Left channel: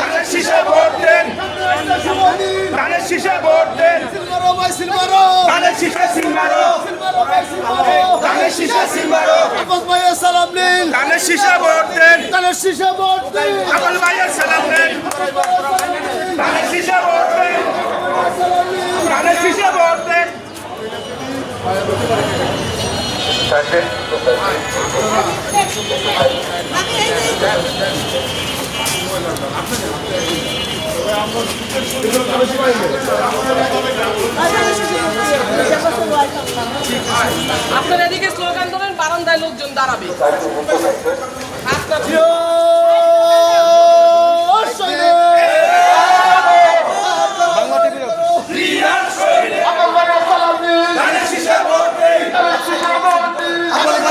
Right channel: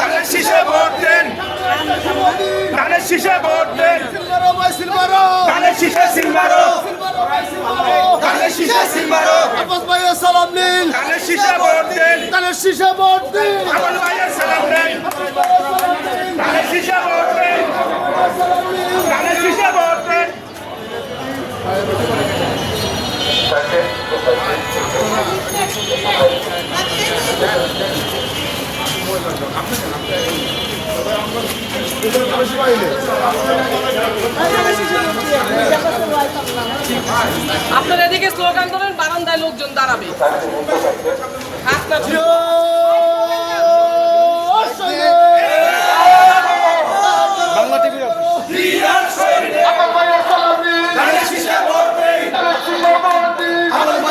ধানের শীষে ভোট দেন। ধানের শীষে ভোট দেন। ধানের শীষে সিলমারো ধানের শীষে সিলমারো আব্বাস ভাইয়ের সালাম নিন ধানের শীষে ভোট দেন। ধানের শীষে ভোট দিন। আব্বাস ভাইয়ের সালাম নিন Thank you. আপনারা এদিকে স্লোগান দেবেন বারান্দায় লোকজন দাঁড়াবে। জিও